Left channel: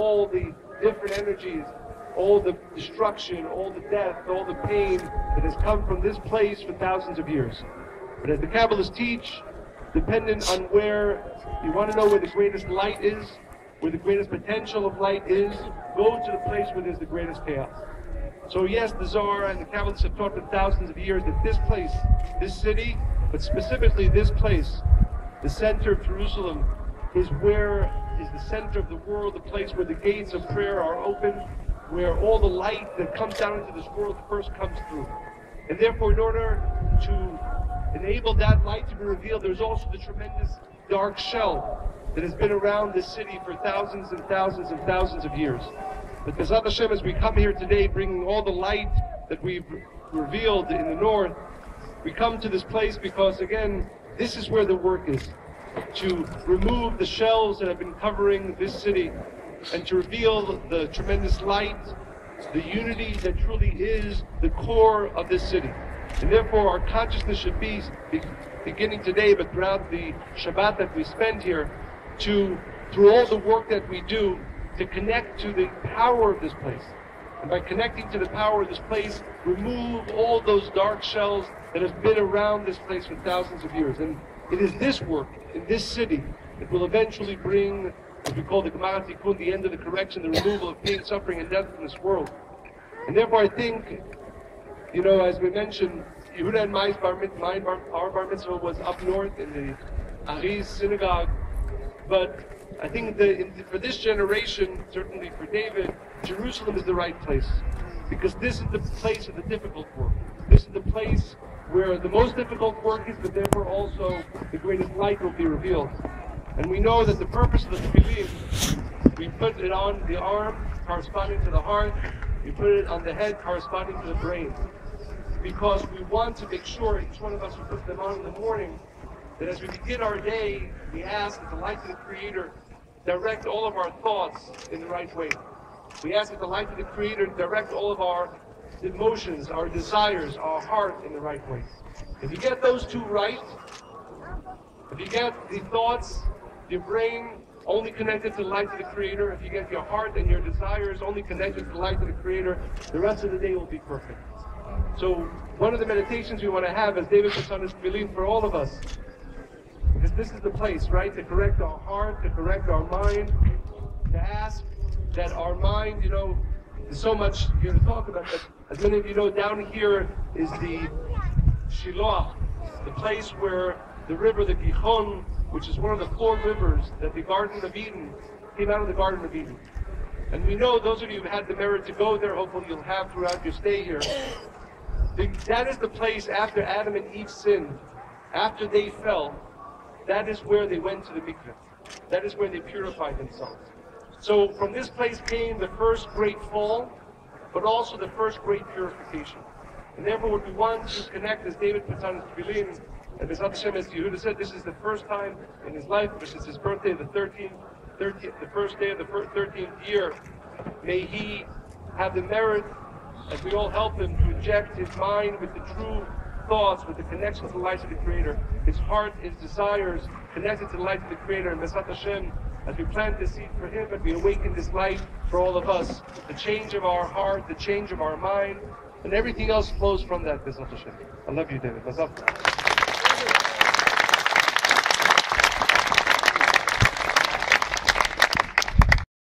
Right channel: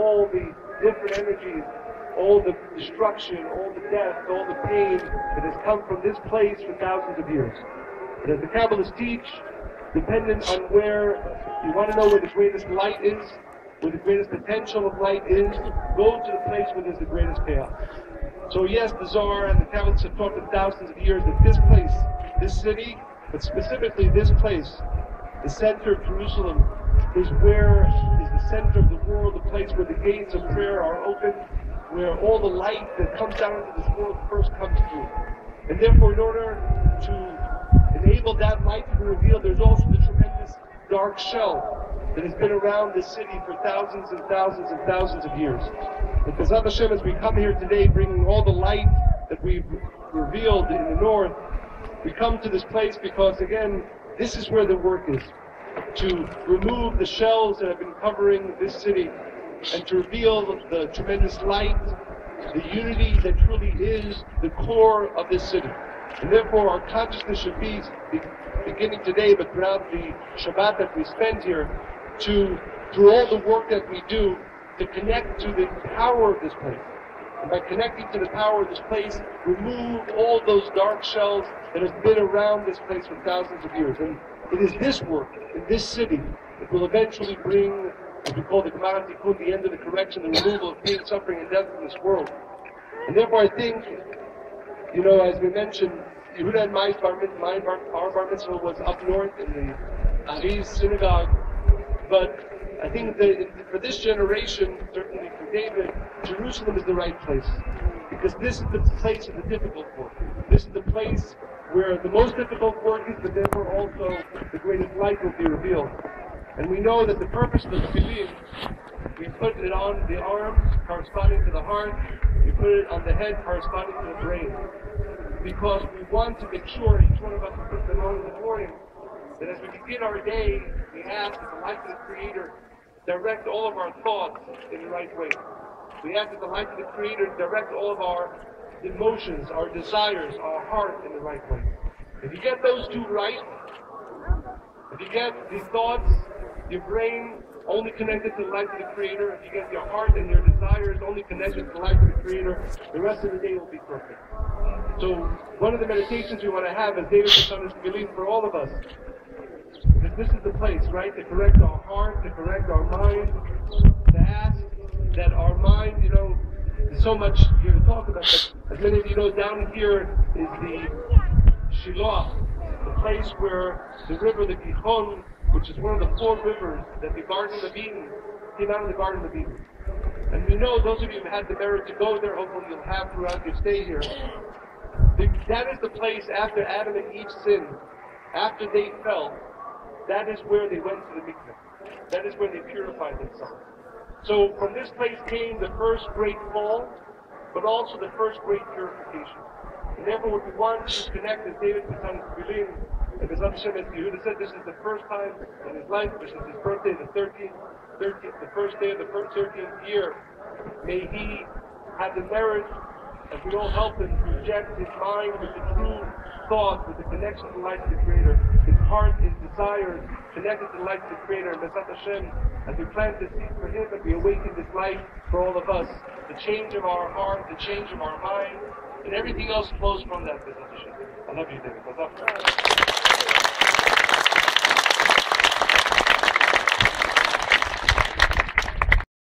all the different energies, all the destruction, all the death, all the pain that has come from this place for thousands of years. But as the Kabbalists teach, dependent on where you want to know where the greatest light is, where the greatest potential of light is, go to the place where there's the greatest chaos. So yes, the Zohar and the Kabbalists have taught for thousands of years that this place, this city, but specifically this place, the center of Jerusalem, is the center of the world, the place where the gates of prayer are open, where all the light that comes down into this world first comes through. And therefore, in order to enable that light to be revealed, there's also the tremendous dark shell that has been around this city for thousands and thousands and thousands of years. But B'ezrat Hashem, as we come here today, bringing all the light that we've revealed in the north, we come to this place because, again, this is where the work is. To remove the shells that have been covering this city and to reveal the tremendous light, the unity that truly is the core of this city. And therefore our consciousness should be beginning today, but throughout the Shabbat that we spend here, through all the work that we do, to connect to the power of this place. And by connecting to the power of this place, remove all those dark shells that have been around this place for thousands of years. And it is this work in this city that will eventually bring what we call the Gemara Tikkun, the end of the correction, the removal of pain, suffering, and death from this world. And therefore I think, as we mentioned, Yehuda and my our bar mitzvah was up north in the Ariz synagogue. But I think that for this generation, certainly for David, Jerusalem is the right place. Because this is the place of the difficult work. This is the place where the most difficult work is, but therefore also the greatest light will be revealed. And we know that the purpose of the tefillin, we put it on the arm corresponding to the heart, we put it on the head corresponding to the brain. Because we want to make sure, each one of us who puts them on in the morning, that as we begin our day, we ask that the light of the Creator direct all of our thoughts in the right way. We ask that the light of the Creator direct all of our emotions, our desires, our heart in the right way. If you get those two right, if you get the thoughts, your brain only connected to the light of the Creator, if you get your heart and your desires only connected to the light of the Creator, the rest of the day will be perfect. So one of the meditations we want to have, as David puts on his tefillin for all of us, because this is the place, right, to correct our heart, to correct our mind, to ask that our mind, there's so much here to talk about, but as many of you know, down here is the Shiloh, the place where the river, the Gihon, which is one of the 4 rivers that the Garden of Eden, came out of the Garden of Eden. And we know, those of you who have had the merit to go there, hopefully you'll have throughout your stay here, that is the place after Adam and Eve sinned, after they fell, that is where they went to the mikveh. That is where they purified themselves. So from this place came the first great fall, but also the first great purification. And therefore what we want to connect, as David puts on his tefillin, and B'ezrat Hashem, as Yehuda said, this is the first time in his life, which is his birthday, the first day of the 13th year. May he have the merit, as we all help him, to inject his mind with the true thoughts, with the connection to the light of the Creator, his heart, his desires, connected to the light of the Creator. And B'ezrat Hashem, as we plant this seed for him, and we awaken this light for all of us, the change of our heart, the change of our mind, and everything else flows from that, B'ezrat Hashem. I love you, David. B'ezrat.